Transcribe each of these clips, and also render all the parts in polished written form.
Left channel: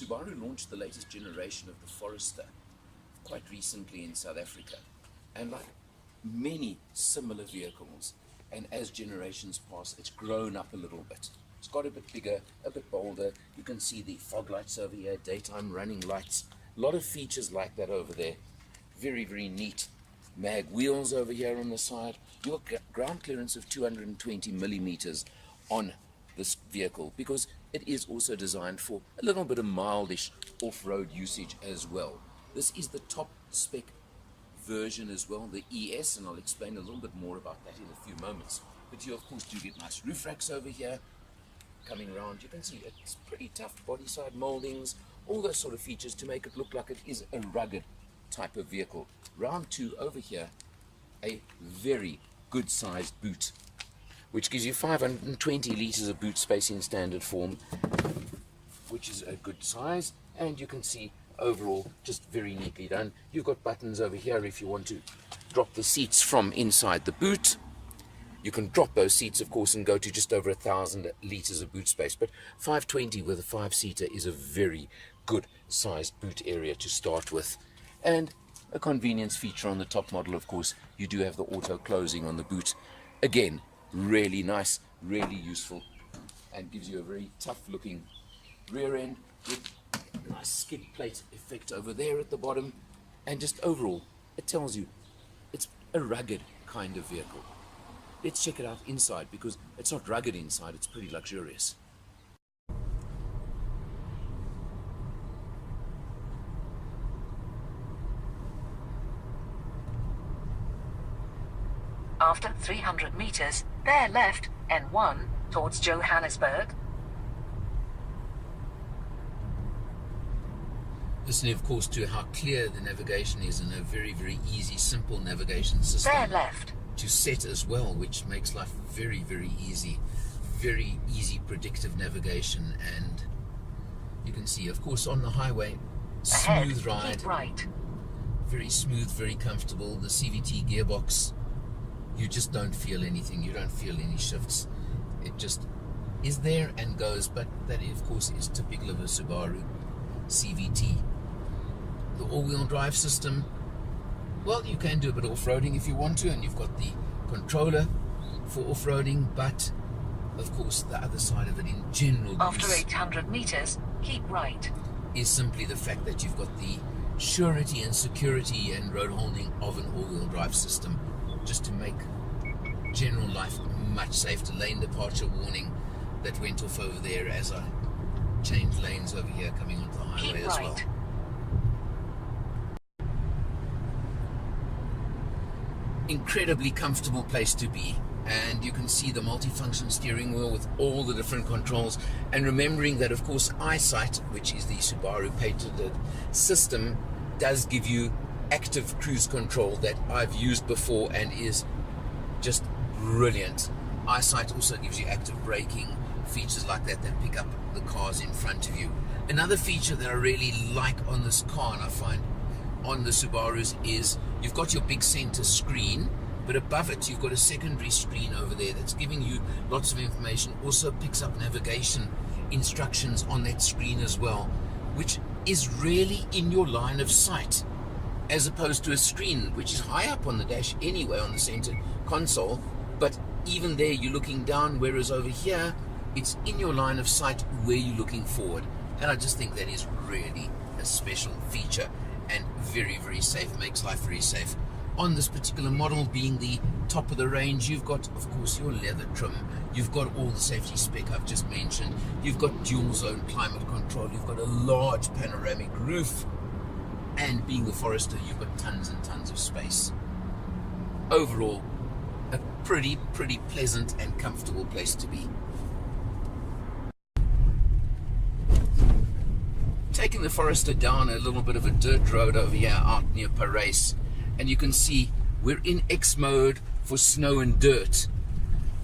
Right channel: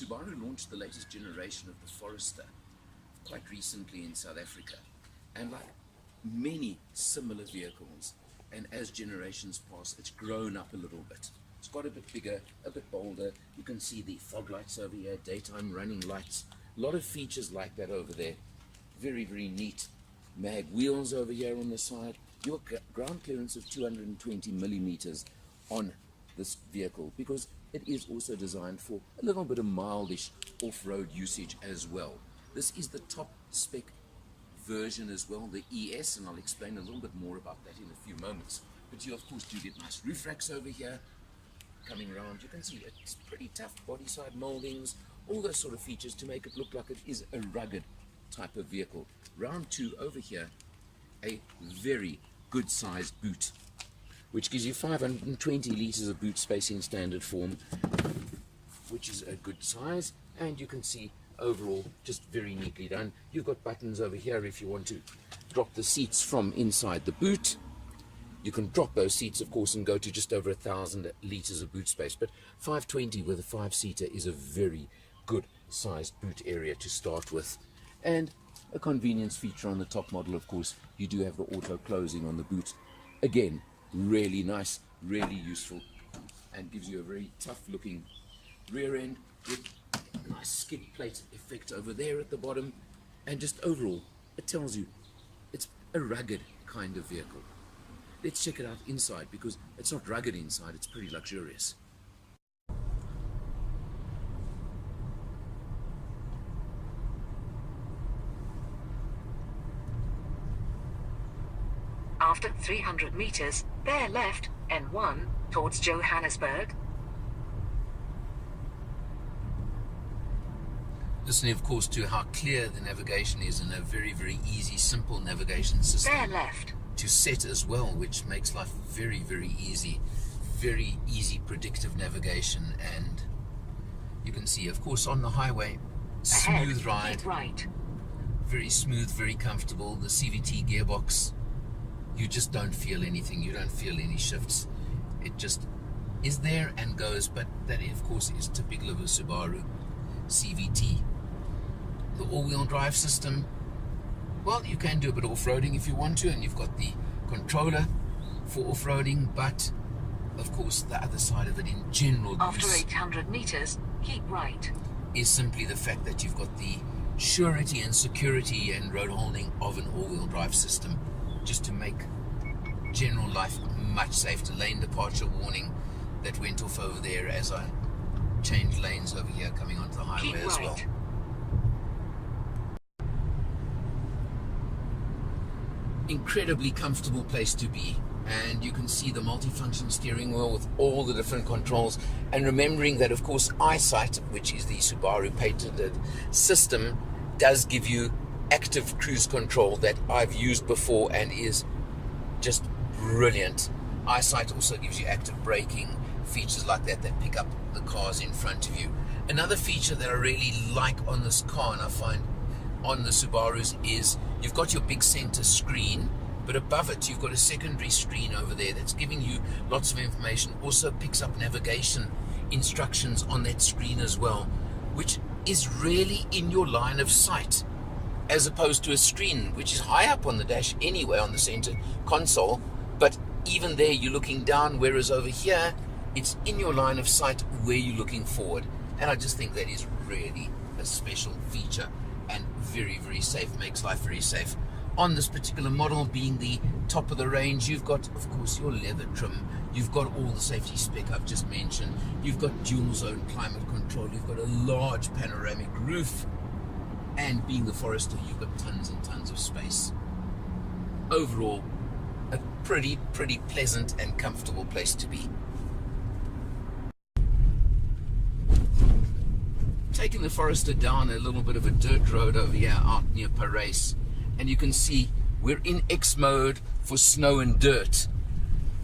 Subaru launched the latest generation of the Forester quite recently in South Africa, and like many similar vehicles, and as generations pass, it's grown up a little bit. It's got a bit bigger, a bit bolder. You can see the fog lights over here, daytime running lights, a lot of features like that over there. Very, very neat. Mag wheels over here on the side. Your ground clearance of 220 millimeters on this vehicle, because it is also designed for a little bit of mildish off-road usage as well. This is the top spec version as well, the ES, and I'll explain a little bit more about that in a few moments. But you of course do get nice roof racks over here. Coming around, you can see it's pretty tough body side moldings, all those sort of features to make it look like it is a rugged type of vehicle. Round two over here, a very good sized boot, which gives you 520 liters of boot space in standard form, which is a good size. And you can see overall just very neatly done. You've got buttons over here if you want to drop the seats from inside the boot. You can drop those seats of course and go to just over 1,000 liters of boot space, but 520 with a 5-seater is a very good sized boot area to start with. And a convenience feature on the top model, of course, you do have the auto closing on the boot. Again, really nice, really useful, and gives you a very tough looking rear end with a nice skid plate effect over there at the bottom. And just overall, it tells you it's a rugged kind of vehicle. Let's check it out inside, because it's not rugged inside, it's pretty luxurious. After 300 meters, bear left, N1, towards Johannesburg. Listening, of course, to how clear the navigation is, and a very, very easy, simple navigation system. Bear left. To set as well, which makes life very, very easy. Very easy predictive navigation, and you can see, of course, on the highway, smooth ride. Keep right. Very smooth, very comfortable. The CVT gearbox, you just don't feel anything. You don't feel any shifts. It just is there and goes, but that, of course, is typical of a Subaru CVT. The all-wheel drive system, well, you can do a bit of off-roading if you want to, and you've got the controller for off-roading, but of course the other side of it in general after 800 meters, keep right, is simply the fact that you've got the surety and security and road holding of an all-wheel drive system, just to make general life much safer. Lane departure warning that went off over there as I changed lanes over here coming onto the highway as well. Incredibly comfortable place to be, and you can see the multifunction steering wheel with all the different controls, and remembering that of course Ëyesight, which is the Subaru patented system, does give you active cruise control that I've used before and is just brilliant. Ëyesight also gives you active braking, features like that pick up the cars in front of you. Another feature that I really like on this car, and I find on the Subarus, is you've got your big center screen, but above it you've got a secondary screen over there that's giving you lots of information. Also picks up navigation instructions on that screen as well, which is really in your line of sight, as opposed to a screen which is high up on the dash anyway on the center console, but even there you're looking down, whereas over here it's in your line of sight where you're looking forward. And I just think that is really a special feature and very, very safe, makes life very safe. On this particular model, being the top of the range, you've got, of course, your leather trim, you've got all the safety spec I've just mentioned, you've got dual zone climate control, you've got a large panoramic roof, and being the Forester, you've got tons and tons of space. Overall, a pretty pleasant and comfortable place to be. Taking the Forester down a little bit of a dirt road over here out near Paris, and you can see we're in X mode for snow and dirt,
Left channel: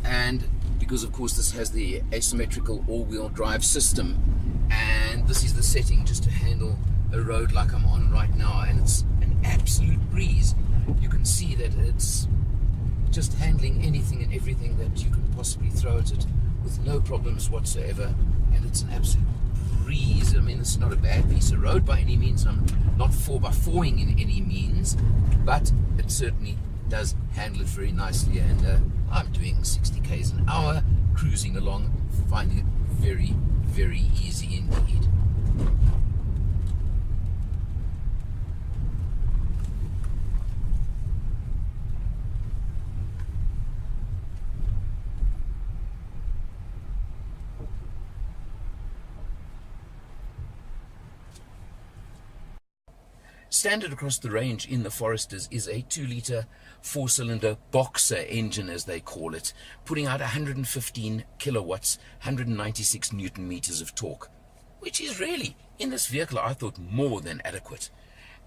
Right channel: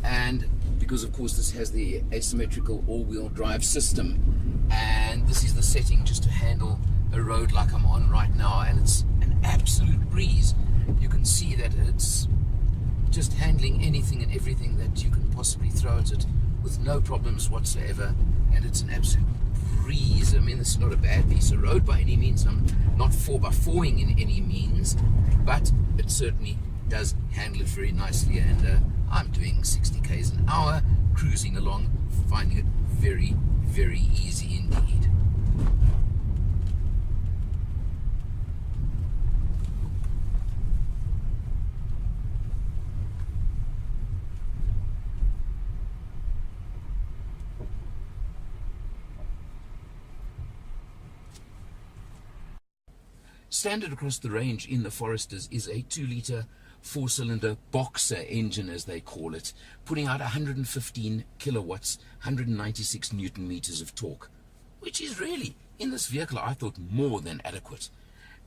and because of course this has the asymmetrical all-wheel drive system, and this is the setting just to handle a road like I'm on right now, and it's an absolute breeze. You can see that it's just handling anything and everything that you can possibly throw at it with no problems whatsoever, and it's an absolute degrees. I mean, this is not a bad piece of road by any means. I'm not 4x4ing in any means, but it certainly does handle it very nicely, and I'm doing 60 k's an hour, cruising along, finding it very, very easy indeed. Standard across the range in the Foresters is a 2-litre 4-cylinder boxer engine, as they call it, putting out 115 kilowatts, 196 newton meters of torque, which is really, in this vehicle, I thought more than adequate.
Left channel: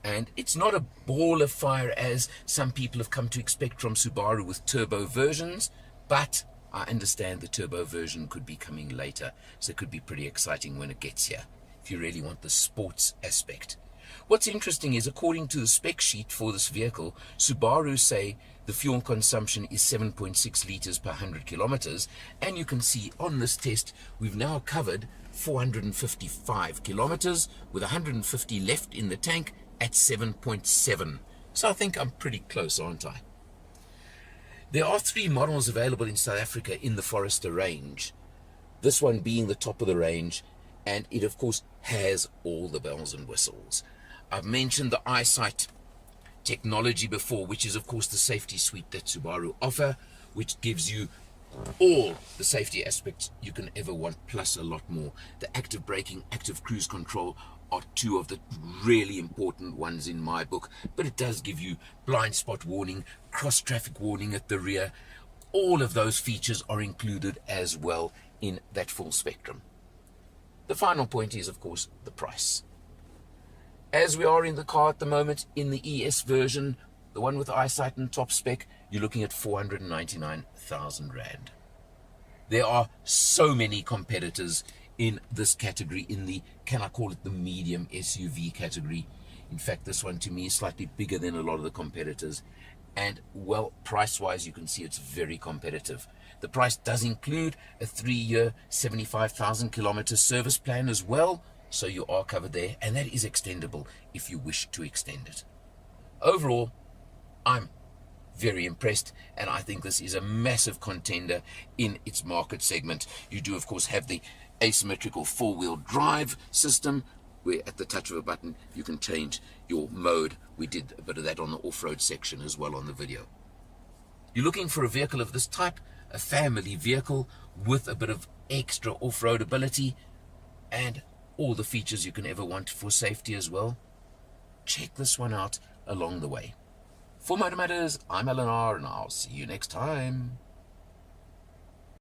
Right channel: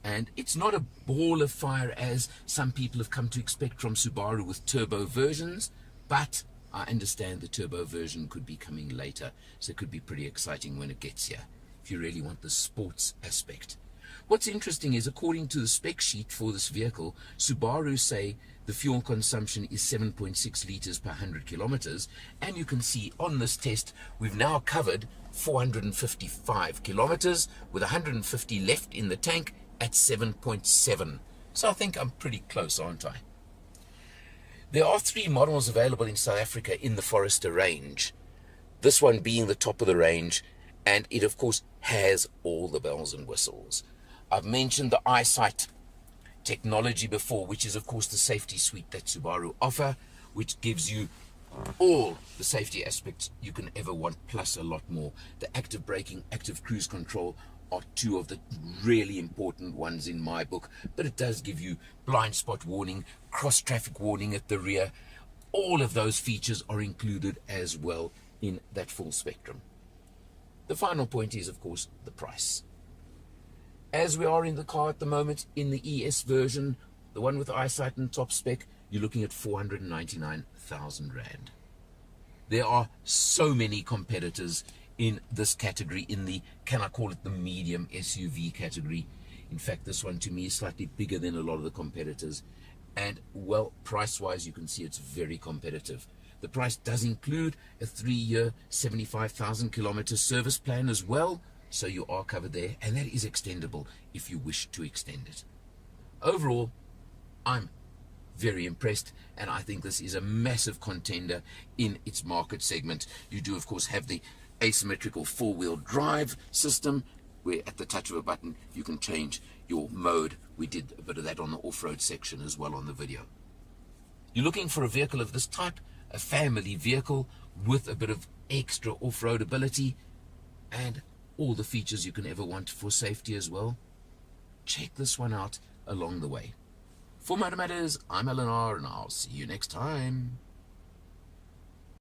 And it's not a ball of fire as some people have come to expect from Subaru with turbo versions, but I understand the turbo version could be coming later, so it could be pretty exciting when it gets here, if you really want the sports aspect. What's interesting is, according to the spec sheet for this vehicle, Subaru say the fuel consumption is 7.6 litres per 100 kilometers, and you can see on this test we've now covered 455 kilometers with 150 left in the tank at 7.7. So I think I'm pretty close, aren't I? There are 3 models available in South Africa in the Forester range, this one being the top of the range, and it of course has all the bells and whistles. I've mentioned the Ëyesight technology before, which is of course the safety suite that Subaru offer, which gives you all the safety aspects you can ever want, plus a lot more. The active braking, active cruise control are 2 of the really important ones in my book, but it does give you blind spot warning, cross traffic warning at the rear. All of those features are included as well in that full spectrum. The final point is of course the price. As we are in the car at the moment, in the ES version, the one with Ëyesight and top spec, you're looking at 499,000 Rand. There are so many competitors in this category, in the, can I call it the medium SUV category. In fact, this one to me is slightly bigger than a lot of the competitors. And well, price-wise, you can see it's very competitive. The price does include a 3-year, 75,000 kilometer service plan as well. So you are covered there, and that is extendable if you wish to extend it. Overall, I'm very impressed, and I think this is a massive contender in its market segment. You do, of course, have the asymmetrical 4-wheel drive system, where at the touch of a button you can change your mode. We did a bit of that on the off-road section as well on the video. You're looking for a vehicle of this type, a family vehicle with a bit of extra off-road ability, and all the features you can ever want for safety as well. Check this one out along the way. For Motor Matters, I'm Alan R, and I'll see you next time.